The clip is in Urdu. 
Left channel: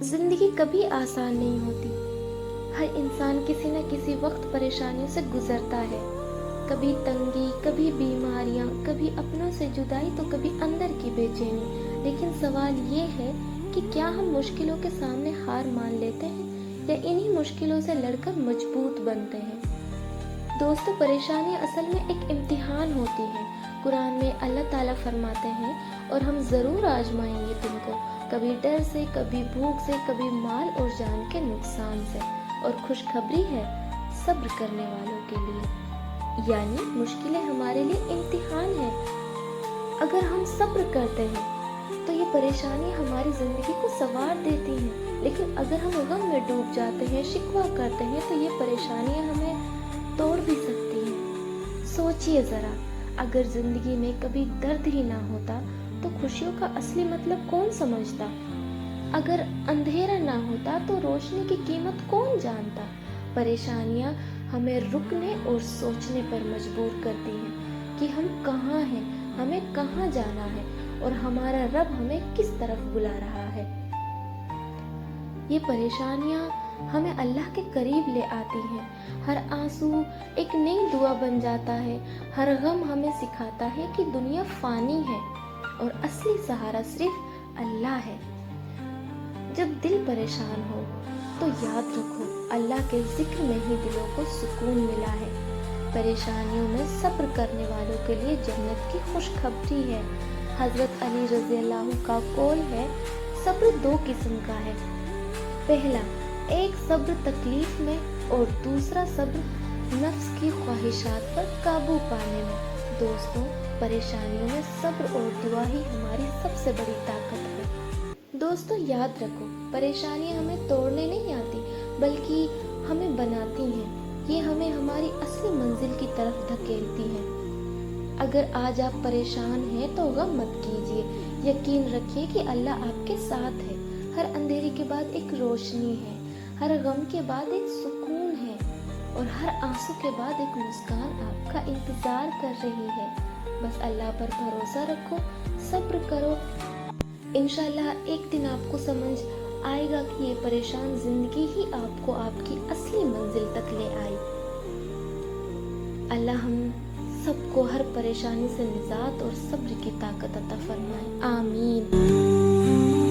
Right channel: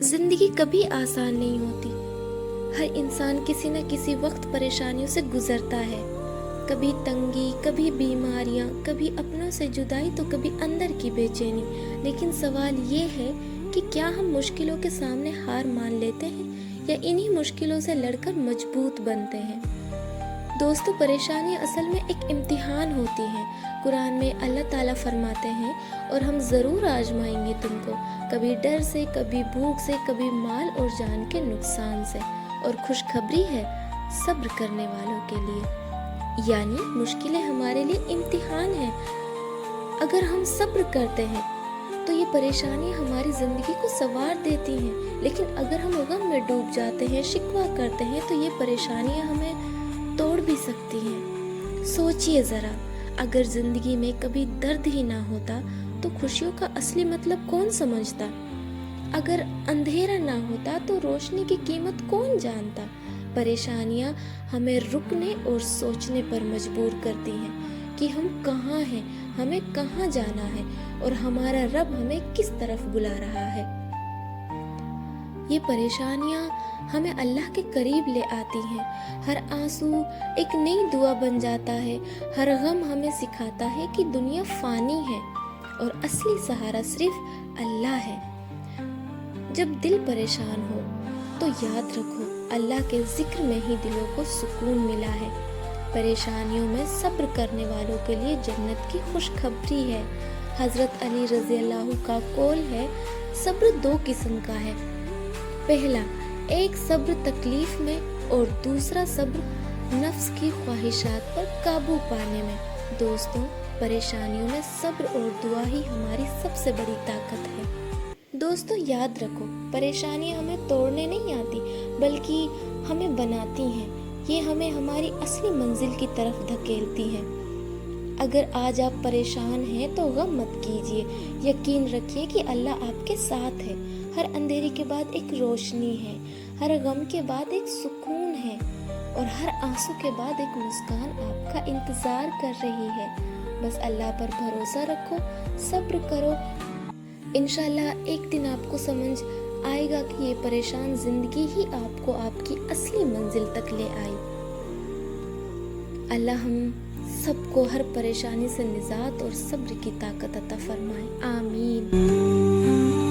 زندگی کبھی آسان نہیں ہوتی. ہر انسان کسی نہ کسی وقت پریشانیوں سے گزرتا ہے. کبھی تنگی، کبھی بیماریاں، کبھی اپنوں سے جدائی تو کبھی اندر کی بے چینی. لیکن سوال یہ ہے کہ کیا ہم مشکلوں کے سامنے ہار مان لیتے ہیں یا انہی مشکلوں سے لڑ کر مضبوط بنتے ہیں؟ دوستو، پریشانیاں اصل میں ایک امتحان ہوتی ہیں. قرآن میں اللہ تعالیٰ فرماتے ہیں اور ہم ضرور آزمائیں گے تم کو، کبھی ڈر سے، کبھی بھوک سے، کبھی مال اور جان کے نقصان سے. اور خوشخبری ہے صبر کرنے والوں کے لیے. یعنی مشکلیں ہمارے لیے امتحان ہیں. اگر ہم صبر کرتے ہیں تو یہ پریشانی ہماری زندگی کو سنوار دیتی ہیں. لیکن اگر ہم غم میں ڈوب جاتے ہیں، شکوہ کرتے ہیں، تو یہ پریشانیاں ہمیں توڑ بھی سکتی ہیں. سوچئے ذرا، اگر زندگی میں کبھی درد ہی نہ ہوتا تو خوشیوں کا اصلی مطلب کون سمجھتا؟ اگر اندھیرا نہ ہوتا تو روشنی کی قیمت کون جانتا؟ پریشانیاں ہمیں رکنے اور سوچنے پر مجبور کرتی ہیں کہ ہم کہاں ہیں، ہمیں کہاں جانا ہے اور ہمارا رب ہمیں کس طرف بلا رہا ہے. یہ پریشانیاں ہمیں اللہ کے قریب لے آتی ہیں. ہر آنسو ایک نئی دعا بن جاتا ہے. ہر غم ہمیں سکھاتا ہے کہ دنیا فانی ہے اور اصلی سہارا صرف اللہ ہے. جب دل پریشان ہو تو یاد رکھو اللہ کے ذکر میں ہی دلوں کو سکون ملا ہے. پریشانیوں میں صبر کرنے والوں کے لیے جنت کی خوشخبری ہے. حضرت علی رضی اللہ کا قول ہے، صبر دو قسم کا ہے. پہلا، ایک صبر تکلیف میں اور دوسرا صبر نفس کی خواہشات پر قابو پانے میں. دوستوں، پریشانیوں میں صبر اور دعا ہی ہماری سب سے بڑی طاقت ہے. دوستو، یاد رکھو، پریشانیاں ہمیں توڑنے نہیں آتی بلکہ ہمیں بناتی ہیں. یہ ہمیں ہماری اصلی منزل کی طرف دھکیلتی ہیں. اگر آج آپ پریشان ہیں تو غم مت کیجیے. یقین رکھیے کہ اللہ آپ کے ساتھ ہے. ہر اندھیرے کے بعد ایک روشنی ہے، ہر غم کے بعد ایک سکون ہے اور ہر آنسو کے بعد ایک مسکان آپ کا انتظار کر رہی ہے. بس اللہ پر بھروسہ رکھو، صبر کرو. انشاءاللہ ایک دن آپ کو سمجھ آئے گا کہ یہ پریشان زندگی ہی آپ کو آپ کی اصلی منزل تک لے آئی. اللہ ہم سب کو ہر پریشانی سے نجات اور صبر کی طاقت عطا فرمائے. آمین.